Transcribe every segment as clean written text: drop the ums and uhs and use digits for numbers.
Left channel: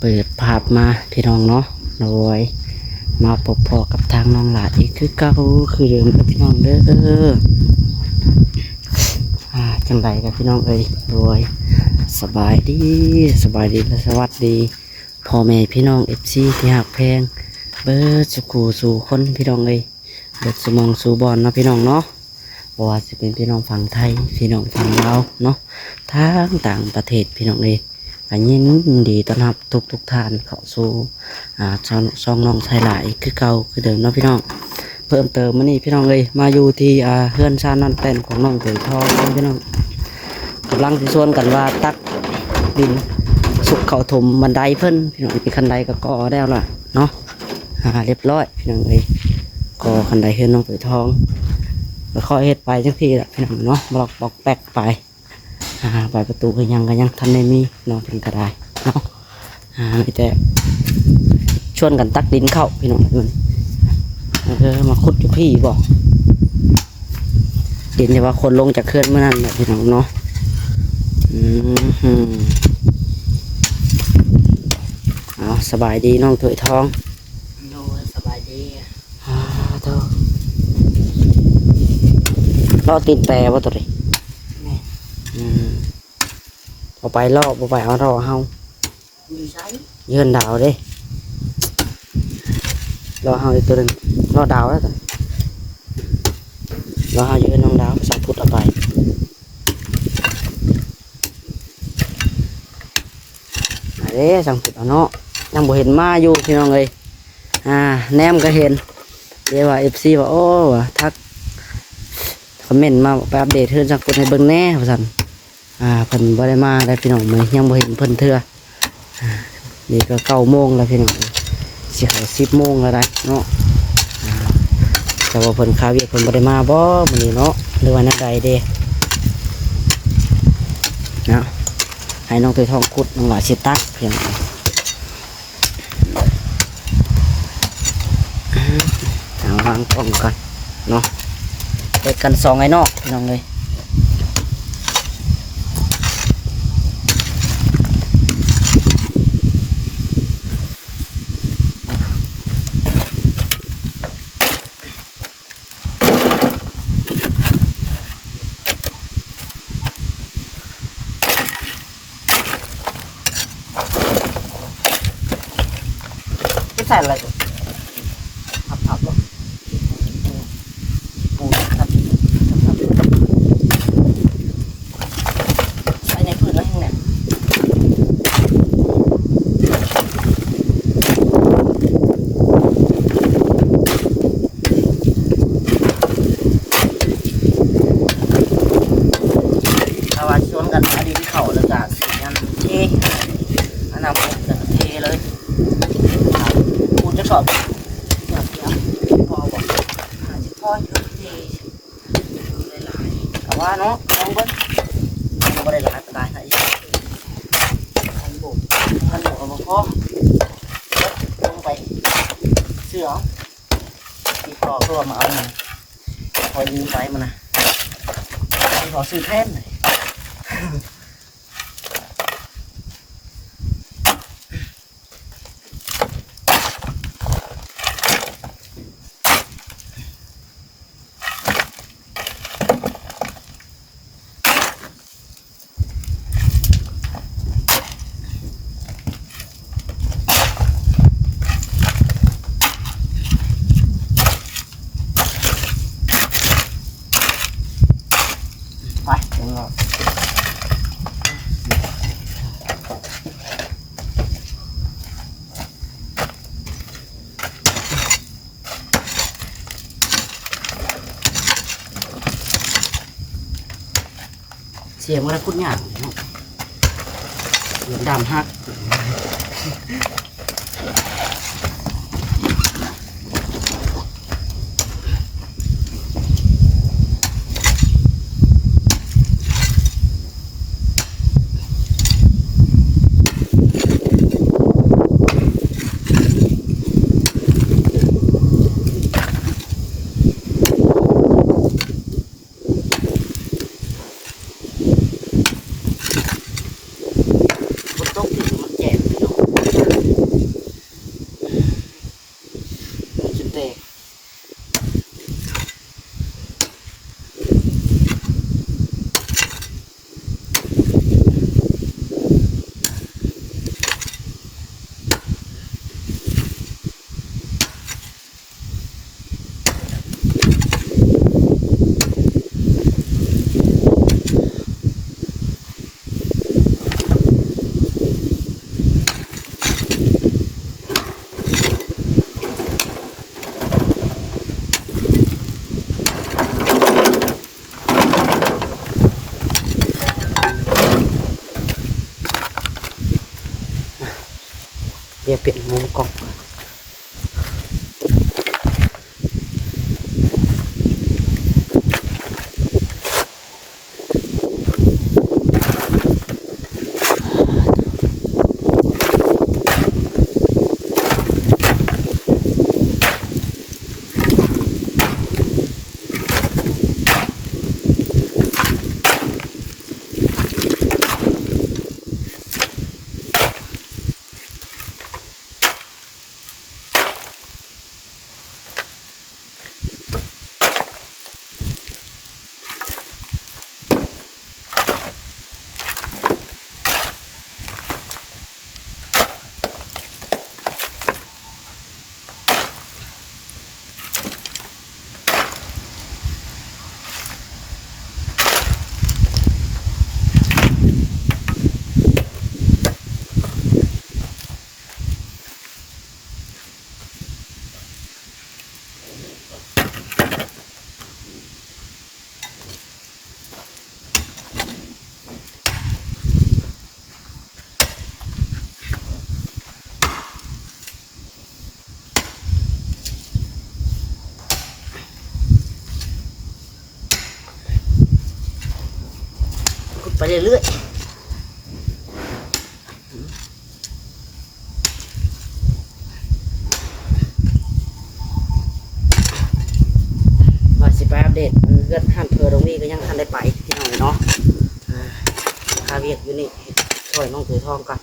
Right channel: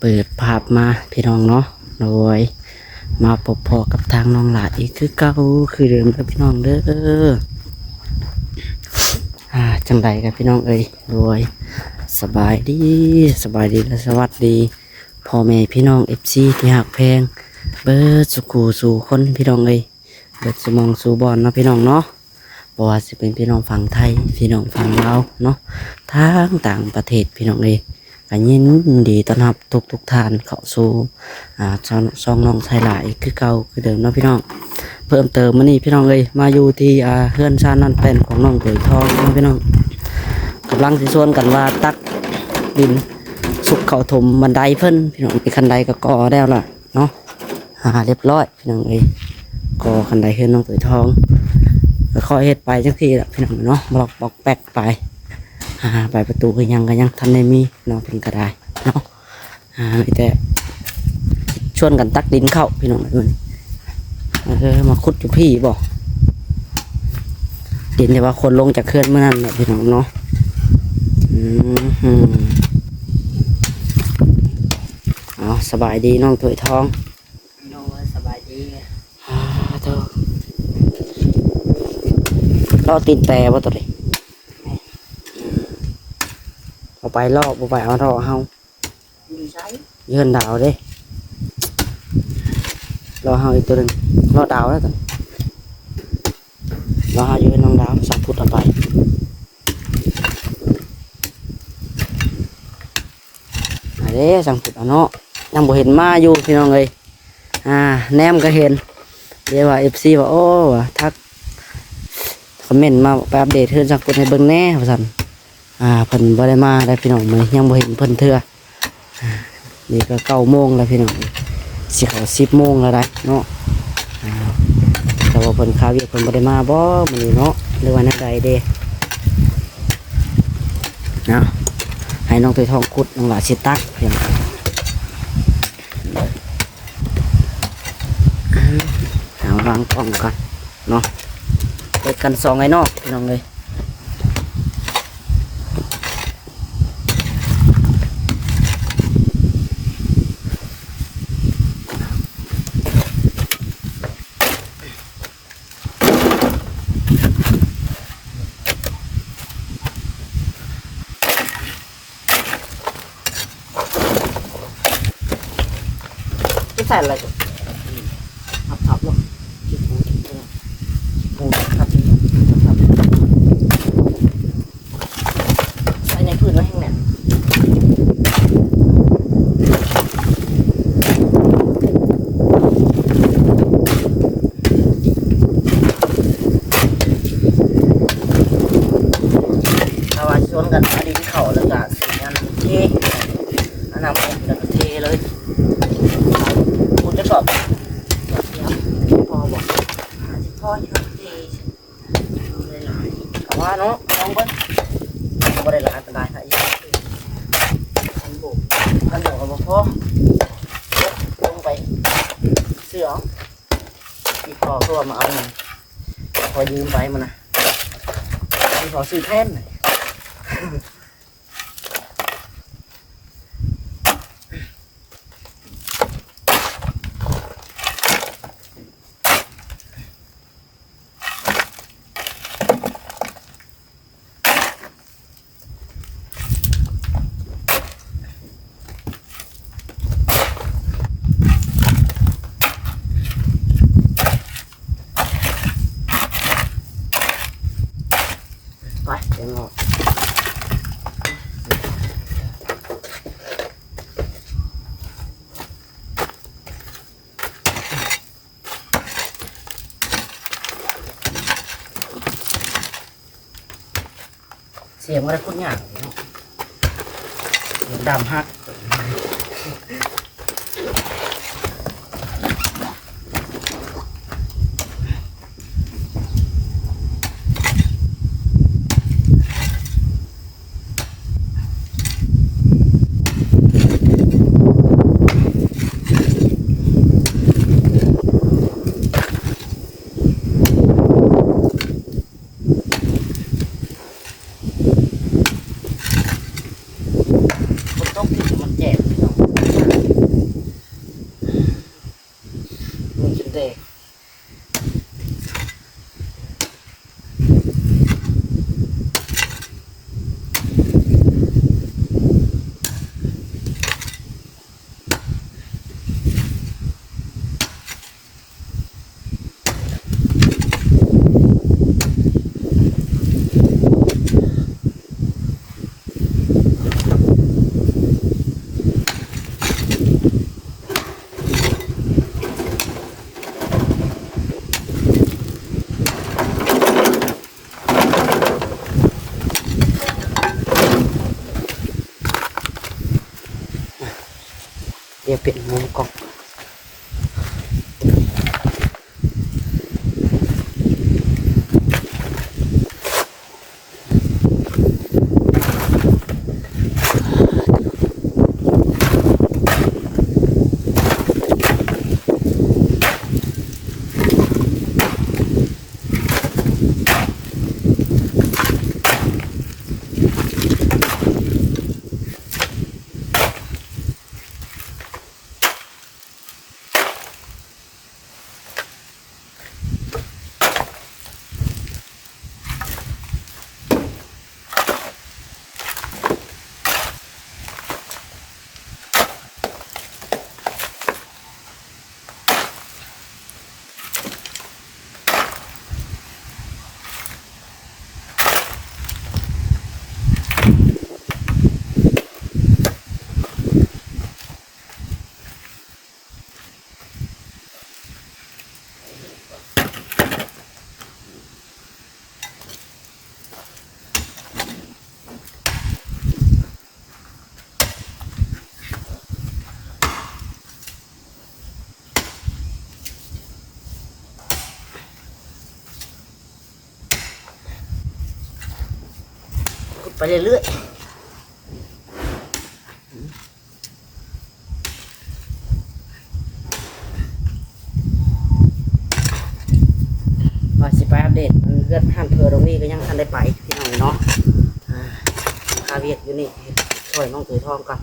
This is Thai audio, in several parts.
เปิดภาพมาพี่น้องเนาะโดยมาพบพอกับทางน้องหลาอีกคือเก่าคือเดิมกับพี่น้องเด้อจังใดกับพี่น้องเอ้ยโดยสบายดีและสวัสดีพ่อแม่พี่น้องFCที่หักแพงเบิดสุขูสู่คนพี่น้องเอ้ยเบิดสมองสู่บอลเนาะพี่น้องเนาะบ่ว่าสิเป็นพี่น้องฝั่งไทยพี่น้องฝั่งลาวเนาะทางต่างประเทศพี่น้องเอ้ยก็ยินดีต้อนรับทุกท่านเข้าสู่ช่องน้องไทยหลายคือเก่าคือเดิมเนาะพี่น้องเพิ่มเติมมื้อนี้พี่น้องเอ้ยมาอยู่ที่เฮือนชานั่นเต้นของน้องเตยทองพี่น้องกำลังสิชวนกันว่าตักดินสุกเข้าถมบันไดเพิ่นพี่น้องเป็นคันไดก็ก่อแล้วล่ะเนาะเรียบร้อยพี่น้องเอ้ยก่อคันไดเฮือนน้องเตยทองก็ค่อยเฮ็ดไปจังซี่แหละพี่น้องเนาะบอกแปกไปไปประตูก็ยังทันได้มีน้องเพิ่นก็ได้เนาะมีแต่ชวนกันตักดินเข้าพี่น้องเอ้ยมาขุดอยู่พี่บอกดินที่ว่าคนลงจากเคลื่อนเมื่อนั้นแหละพี่น้องเนาะเอาสบายดีน้องถวยทองโน้สบายดีล่อตีนแต่ว่าตัวนี้เอาไปล่อเอาไปเอาท่อเฮายืนดาวเด้รอเฮาอีกตัวหนึ่งรอดาวแล้วตัวรอเฮายืนน้องดาวสักพุทธเอาไปเด้สังพุทธเอาเนาะยังบ่เห็นมาอยู่พี่น้องเลยแนมก็เห็นเดี๋ยวว่าFCว่าโอ้ทักคอมเมนต์มาไปอัปเดตเพื่อนสังพุทธให้เบิ่งแน่ว่าซั่นเพิ่นบ่ได้มาได้พี่น้องมื้อยังบ่เห็นเพิ่นเทื่อนี่ก็9 โมงแล้วพี่น้องสิเข้า10 โมงแล้วได้เนาะแต่ว่าเพิ่นข่าวเวียกเพิ่นบ่ได้มาบ่มื้อนี้เนาะหรือว่านัดใดเด้เนาะให้น้องถวยทองขุดน้องหลาสิตักเพียงเอาวางกล้องกันเนาะเปิดกัน2ไอ้นอกพี่น้องเลยใส่อะไรผับลงปูครับใส่ในพื้นไว้ข้างในถ้าว่าชวนกันหาดินเข่าแล้วก็สีงานเทอันนั้นจะเทเลยคุณจะสอบเดี๋ยวพอบอกพ่อชุดดีเลยหลายแต่ว่าเนาะน้องเบิ้ลไม่ได้หลายแต่ได้ไหนขันบุกกับพ่อลงไปเสือที่พ่อก็มาเอาเงินพอยืมไปมันนะที่พ่อซื้อแท่นเลยไปเดี๋ยวเราเสียงอะไรพูดยากเนาะดำฮักตกมันแจ่มเนาะ เดี๋ยวเปลี่ยนมุมกล้องขุดไปเรื่อยๆว่าสิไปอัปเดตมันเกิดห้ามเพอตรงนี้ก็ยังทันได้ไปพี่น้องเนาะคาเวียดอยู่นี่ช่วยน้องถือทองก่อน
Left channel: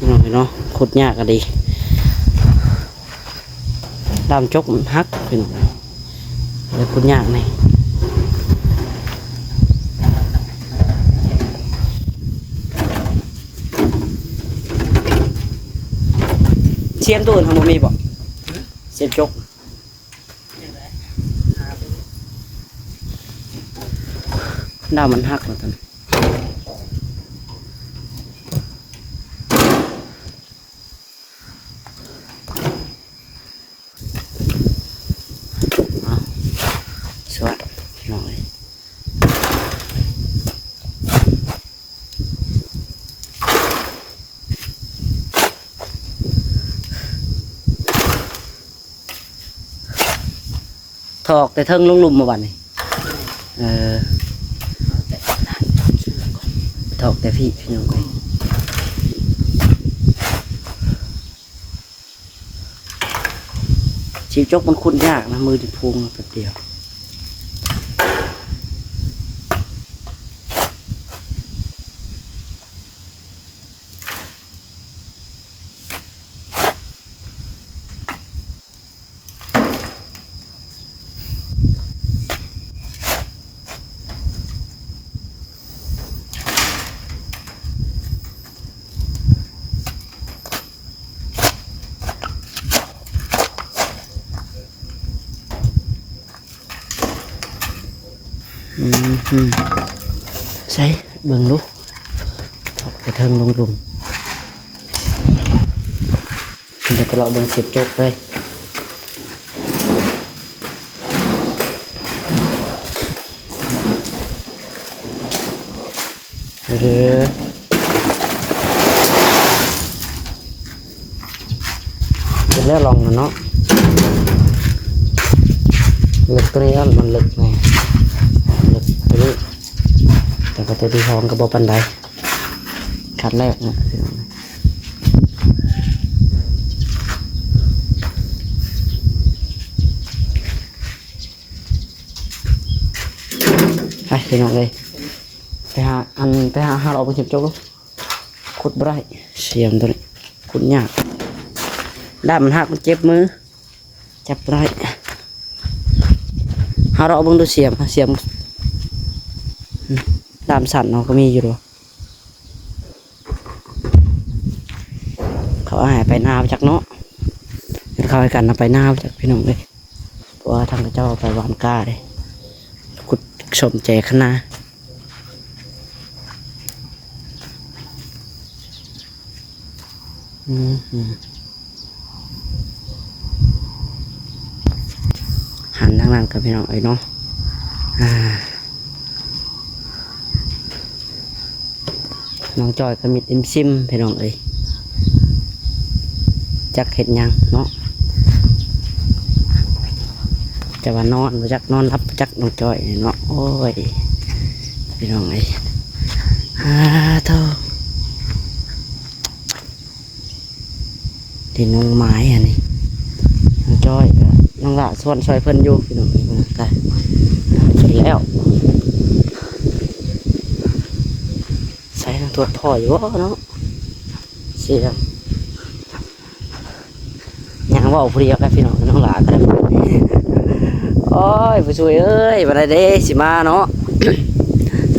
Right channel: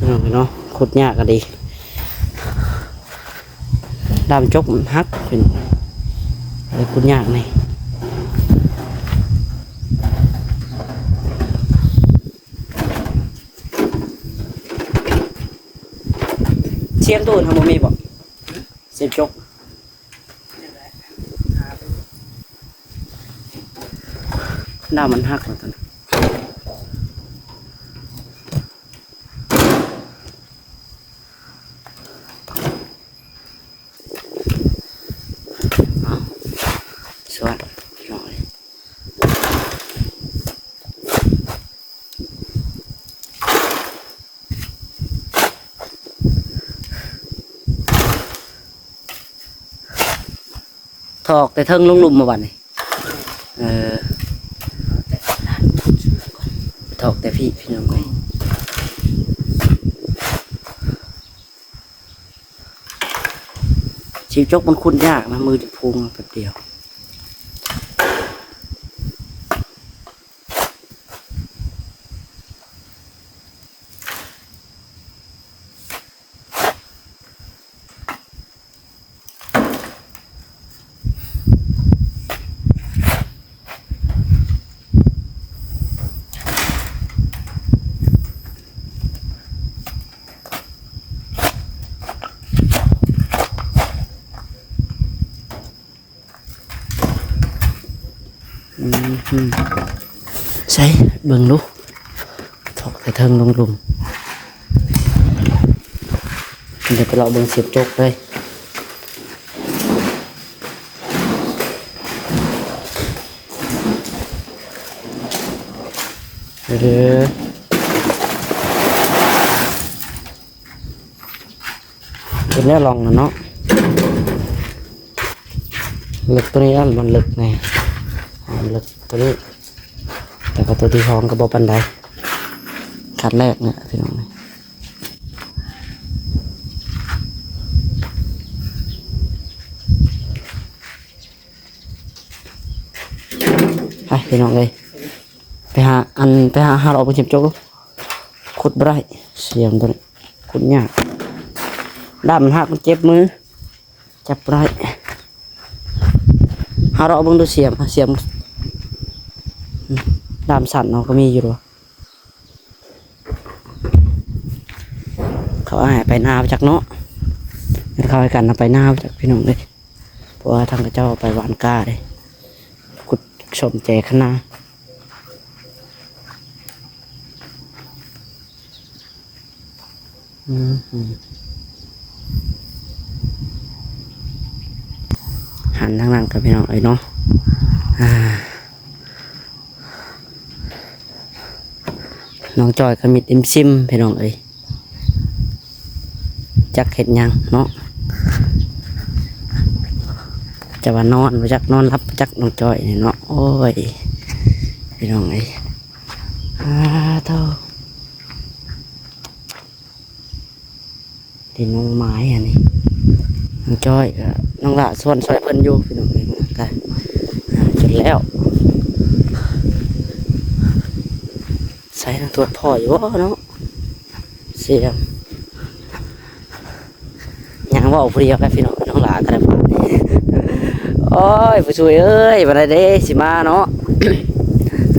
พี่น้องเนาะขุดยากก็ดีดามจกมันฮักพี่น้องเลยขุดยากนี่เสียมตูนทำบ่มีบ่เสียมจกดามมันฮักแล้วตอนนี้สวัสดีหน่อยถอกแต่เทิงลงหลุมมาบัดนี้ถอกแต่พี่น้องก็ชีจกมันคุ้นยากนะมือจะพุงแป๊บเดียวใช่เบิ่งลูกถอกแต่เทิงลงหลุมเดี๋ยวไปเราเบิ่งเสียบจกเลยเดี๋ยวลองกันเนาะเล็กตัวนี้มันเล็กไงเล็กตัวนี้แต่ก็ตัวที่สองก็บ่ปันใดคัดแรกเนี่ยพี่น้องไปพี่น้องเลยไปหาเราไปเก็บโจ๊กขุดบ่ได้เสียมตัวนี้ ขุดยากด้ามมันหักมันเจ็บมือจับไรหาเราะเบิ่งดูเสียมด้ามสั่นเนาะก็มีอยู่ด้วยเขาเอาใหายไปหน้าไปจากเนาะเขาให้กันเอาไปหน้าไปจากพี่น้องเลยเพราะว่าทางเจ้าไปหวานก้าเลยขุดสมแจขนาหันทางนั้นกับพี่น้องเอ้ยเนาะน้องจอยก็มิดอิมซิมพี่น้องเอ้ยจักเห็ดหยังเนาะจะว่านอนไปจักนอนรับจักน้องจอยเนาะโอ้ยพี่น้องเอ้ยเท่าที่น้องไม้อันนี้น้องจอยน้องละส่วนซอยเพิ่นอยู่พี่น้องเอ้ยมันได้จนแล้วใส่ทั้งตัวพ่ออยู่เนาะเสียงยังว่าผู้เดียวกับพี่น้องน้องหลากันเลยโอ้ยผู้ช่วยเอ้ยวันใดสิมาเนาะ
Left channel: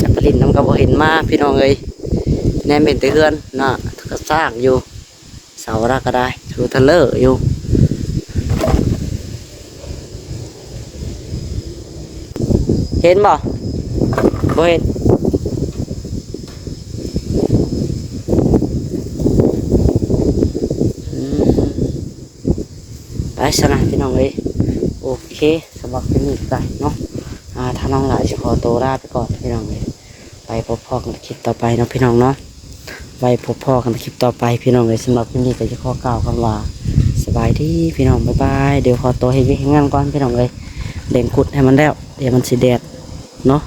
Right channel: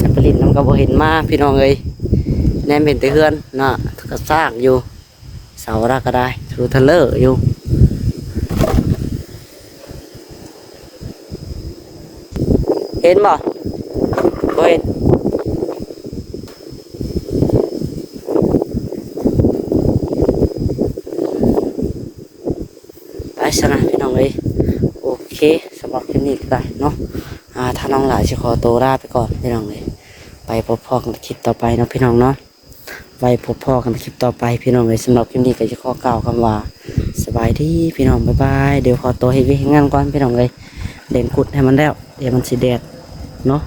จักรลินน้ำกระบอกเห็นมาพี่น้องเอ้ยแนมเป็นตะเฮือนเนาะก็สร้างอยู่เสาระก็ได้สูทะเลอยู่เห็นบ่บ่เห็นไปสนะพี่น้องเอ้ยโอเคสำหรับคลิปนี้ไปเนาะถ้าน้องหลายจะขอตัวลาไปก่อนพี่น้องเลยไปพบพ่อกันคลิปต่อไปเนาะพี่น้องเนาะไปพบพ่อกันคลิปต่อไปพี่น้องเลยสำหรับคลิปนี้ก็จะขอกล่าวคำว่าสบายดีพี่น้องบ๊ายบายเดี๋ยวขอตัวให้วิ่งงานก่อนพี่น้องเลยเด่นกุดให้มันแล้วเดี๋ยวมันสีแดดเนาะ